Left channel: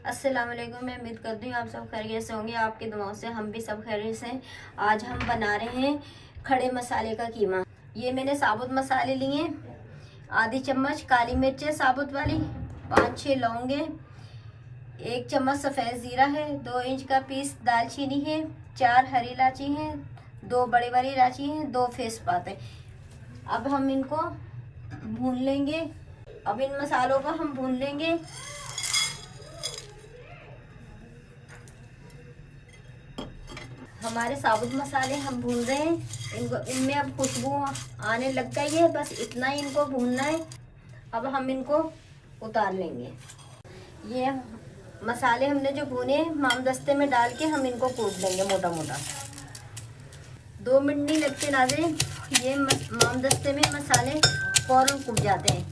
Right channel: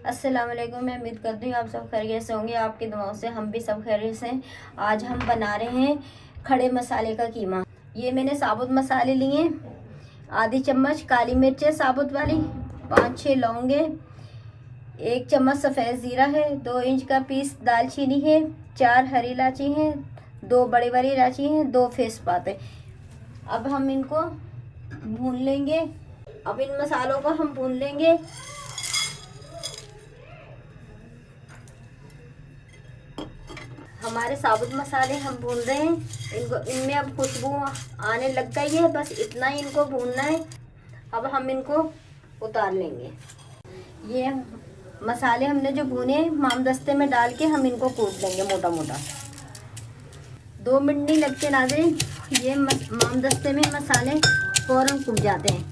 अस्सलाम वालेकुम। मैं उम्मीद करती हूँ आप सब खैरियत से होंगे। आपकी दुआओं से हम भी सब खैरियत से हैं। आज हम बना रहे हैं खड़े मसाले का कीमा। ये मैंने साबुत मसाले लिए, आधी चम्मच काली मिर्चें साबुत वाली, 5-6 लौंगे, 1 चम्मच सफ़ेद ज़ीरा है, 2 इंच का पीस दालचीनी है, 4 हरी इलायची हैं, 2 बड़ी बड़ी इलायची हैं, 2 तेज़पात है। अब हम इनको भून लेंगे। अब इन मसालों को हम भून लेंगे। हमारे साबुत मसाले हम भून रहे हैं। इनको इनमें अब खुशबू आने लग गई है, बस इतना ही इनको भूनना है। अब हम इनको उतार लेंगे। ये मसाले हमने जो भुने मामदस्ते में डाल के हम इनको कूट लेंगे मोटा मोटा। 2 मिनट नहीं लगते नाज़रीन, ये मामदस्ते में मसाले फौरन कूट जाते हैं।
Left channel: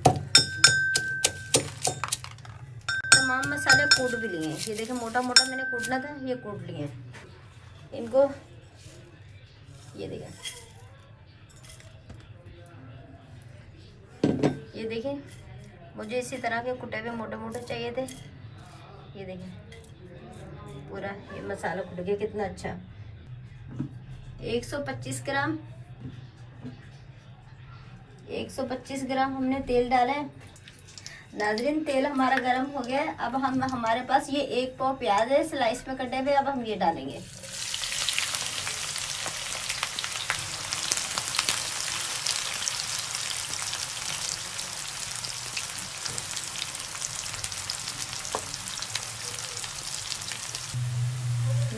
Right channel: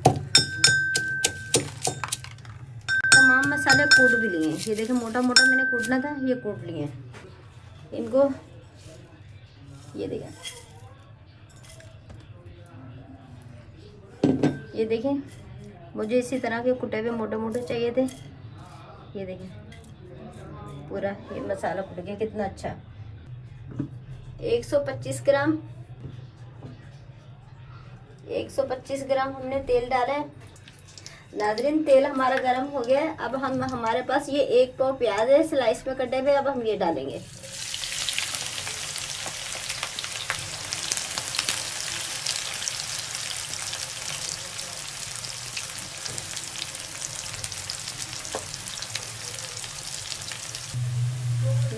तमाम मसाले कूट भी लिए हैं। ये देखिए मोटा मोटा मैंने कूटना था, ये कूट लिए हैं। इनको ये देखिए मुझे इसी तरह के कुटे हुए मोटे मोटे चाहिए थे। ये देखिए पूरा ये मसाला कुट के कितना अच्छा। 125 ग्राम हमने तेल डाला है। नाज़रीन तेल हमारा गर्म हो गया है। अब हम हमारे पास ये 1 पाव प्याज है स्लाइस में कटे हुए, अब हम ये डालेंगे।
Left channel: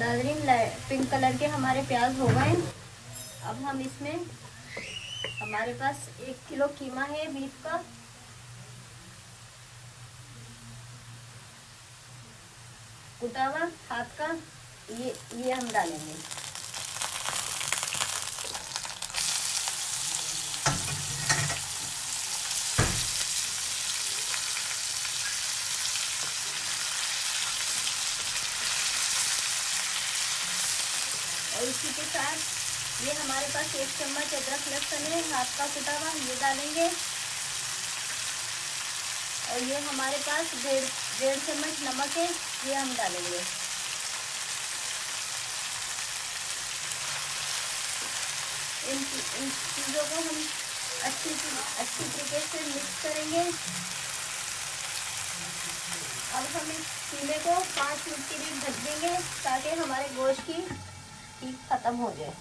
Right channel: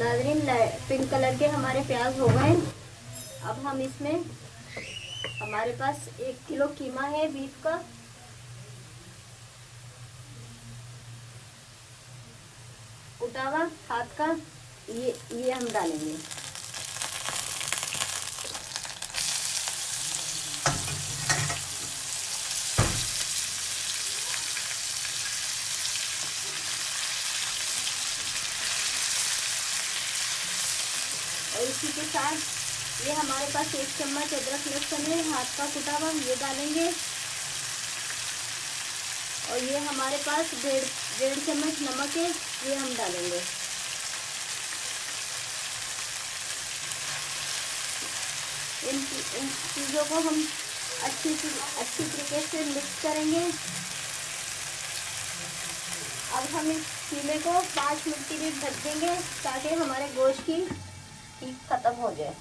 नाज़रीन पिंक कलर के हमारे प्याज हो गए। अब हम इसमें हमारे पास 1 किलो कीमा है बीफ का, कुटा हुआ हाथ का, ये हम डालेंगे। और इसी के साथ ये हमारे पास 1 चम्मच अदरक लहसुन है हाथ का कुटा हुआ, ये डालेंगे। और ये हमारे पास 1.5 चम्मच नमक है, ये हम डालेंगे। इन चीज़ों को हम अच्छी तरीके से मिक्स करेंगे। अब हम इस कीमे को 5 मिनट के लिए ढक देंगे ताकि हमारे गोश्त की हीट खत्म हो जाए।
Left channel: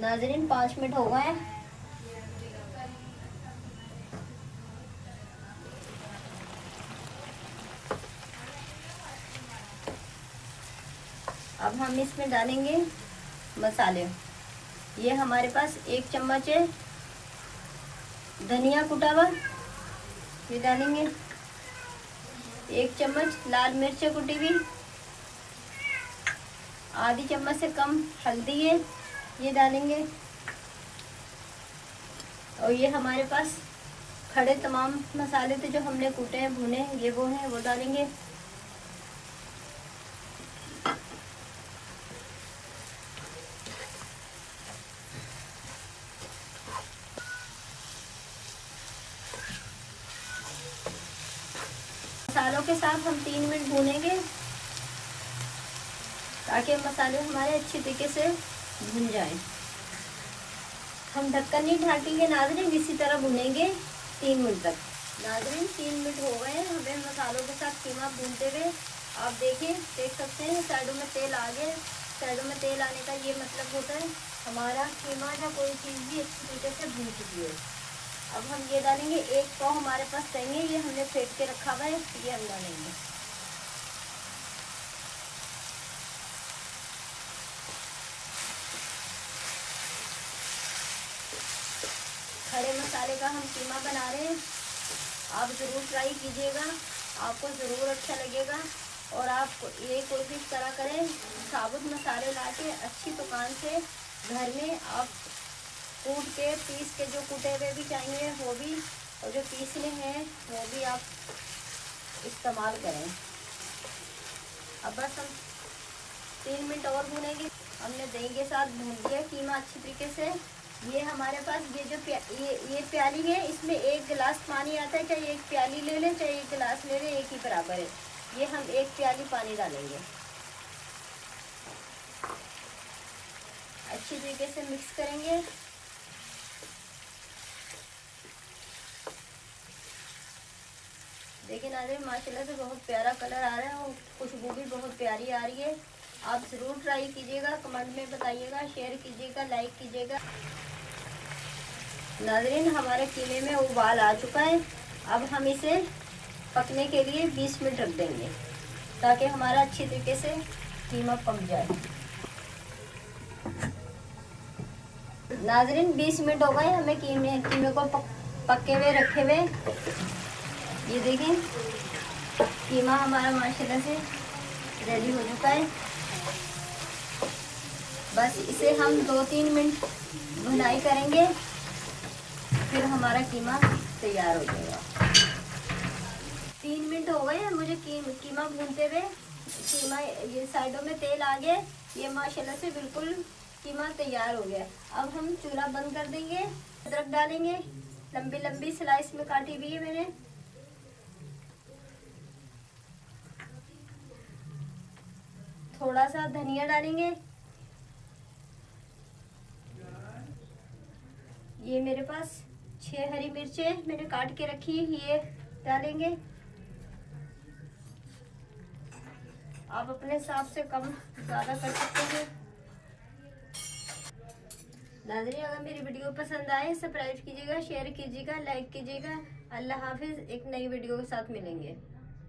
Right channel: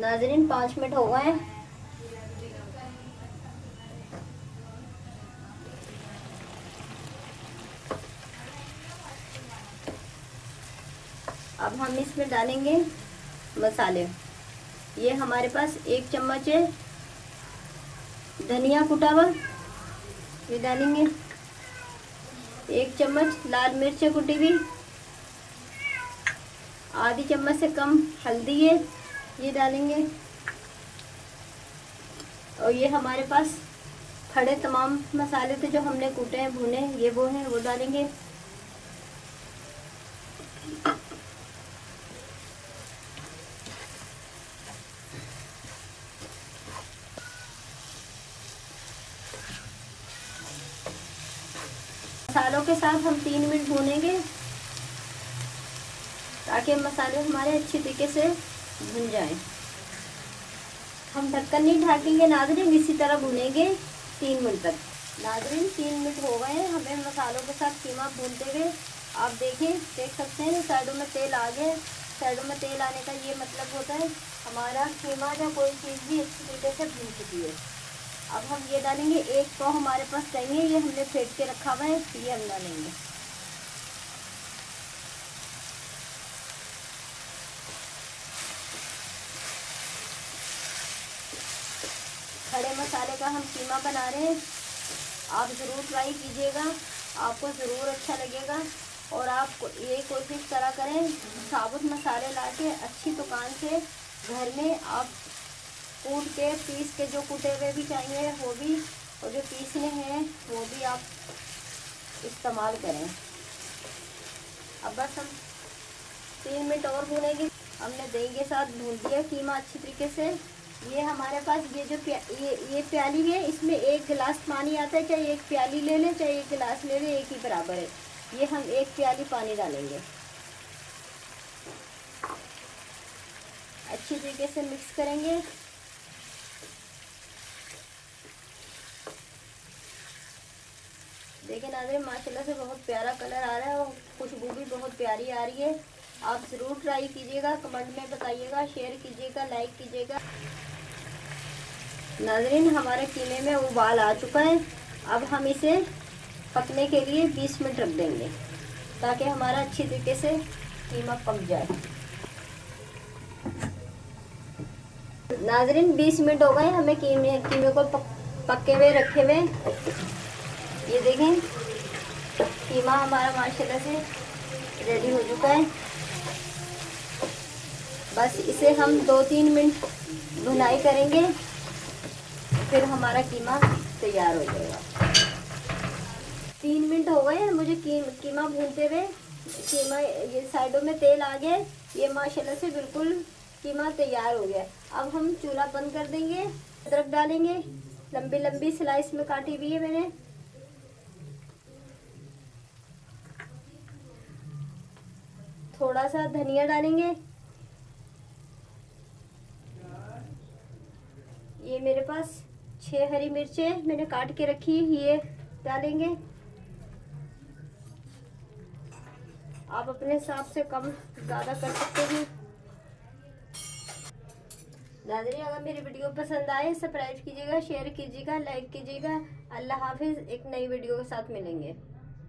नाज़रीन 5 मिनट हो गए। अब हम इसमें डालेंगे मसाले। ये हमारे पास 1 चम्मच है धनिया कुटा हुआ, ये डालेंगे। 1 चम्मच लाल मिर्च कुटी हुई, आधी चम्मच से कम हल्दी है, ये डालेंगे। और ये हमारे पास खड़े तमाम मसाले थे जो हमने कूटे हैं भुने, ये वो हैं, वो डालेंगे। मसालों के साथ हम 3 मिनट भूनेंगे ताकि मसाले हमारे अच्छी तरीके से भुन जाएं। हम ढक्कन नहीं ढाकेंगे नाज़रीन, इसी तरह भुनेंगे 3 मिनट तक। नाज़रीन 3 मिनट हो गए हैं हमें मसालों के साथ कीमा भूनते हुए। आप देख सकते हैं साइडों में तेल आ गया। साइडों में तेल आने का ये मतलब होता है हमारा कीमा या कोई चीज़ भी अच्छी तरीके से भून चुकी है। अब हम ये डालेंगे। 1 पाव हमारे पास चाहिए, ये हमने फेंट के रखा हुआ है, ये हम डालेंगे। खड़े मसाले का हम कीमा बना रहे हैं। आप ज़रूर ट्राई कीजिएगा, आपको ज़रूर अच्छा लगेगा। और आप ये कोशिश करा करें साबुत मसाले ला के अच्छी दुकान से घर में आप कूट के पीस के, जो कुटे हुए भी चाहिए वो भी, और जो पीसने हैं वो भी आप इस्तेमाल करें। अब बस हम 3 मिनट और भूनेंगे। हमने दही के साथ भून दिया कीमा अच्छी तरीके से। ये हमारे पास ये जो ये प्याली है, इसमें 1 गिलास पानी आता है। चाहे 1 प्याली ले लें, चाहे 1 गिलास ले लें, एक ही बराबर है। ये हम 1 प्याली पानी डालेंगे। अच्छी तरीके से मिक्स करेंगे। देखिए नाज़रीन, माशाल्लाह से बहुत प्यारा कलर आ रहा है और खुशबू भी बहुत प्यारी आ रही है। आप ज़रूर ट्राई कीजिएगा, कमेंट में बताइएगा, शेयर कीजिएगा, लाइक कीजिएगा। नाज़रीन, हमारे कीमे में उबाल आ चुका है। अब हम इसे पकने के लिए 20 मिनट रख देंगे ताकि हमारा अच्छी तरीके से कीमा पक जाए। नाज़रीन, 20 मिनट हो गए हमें कीमे को पके हुए रखे हुए। ये देखें, कीमा हमारा माशाल्लाह से रेडी हो चुका है। बस इसे हम 2-3 मिनट भुनाई करेंगे, फिर हमारा कीमा तैयार हो जाएगा। 3 मिनट हो गए हैं मुझे कीमा भूनते हुए। कीमा ये साइडों में तेल आ गया, ये माशाल्लाह से बिल्कुल कीमा तैयार हो गया। अब हम चूल्हा बंद कर देंगे। अदरक डालेंगे, लंबी लंबी स्लाइस में काटी हुई है मैंने। थोड़ा सा धनिया डालेंगे। ये मेरे पास 6 हरी मिर्चें मैंने काट के रखी है, ये डालेंगे। आप अपने हिसाब से कम ज़्यादा कर सकते हैं। नाज़रीन, अगर मेरी वीडियो पसंद आए सब्सक्राइब कीजिएगा, शेयर कीजिएगा, लाइक कीजिएगा। अल्लाह हाफिज़। एक नई वीडियो के साथ मिलेंगे।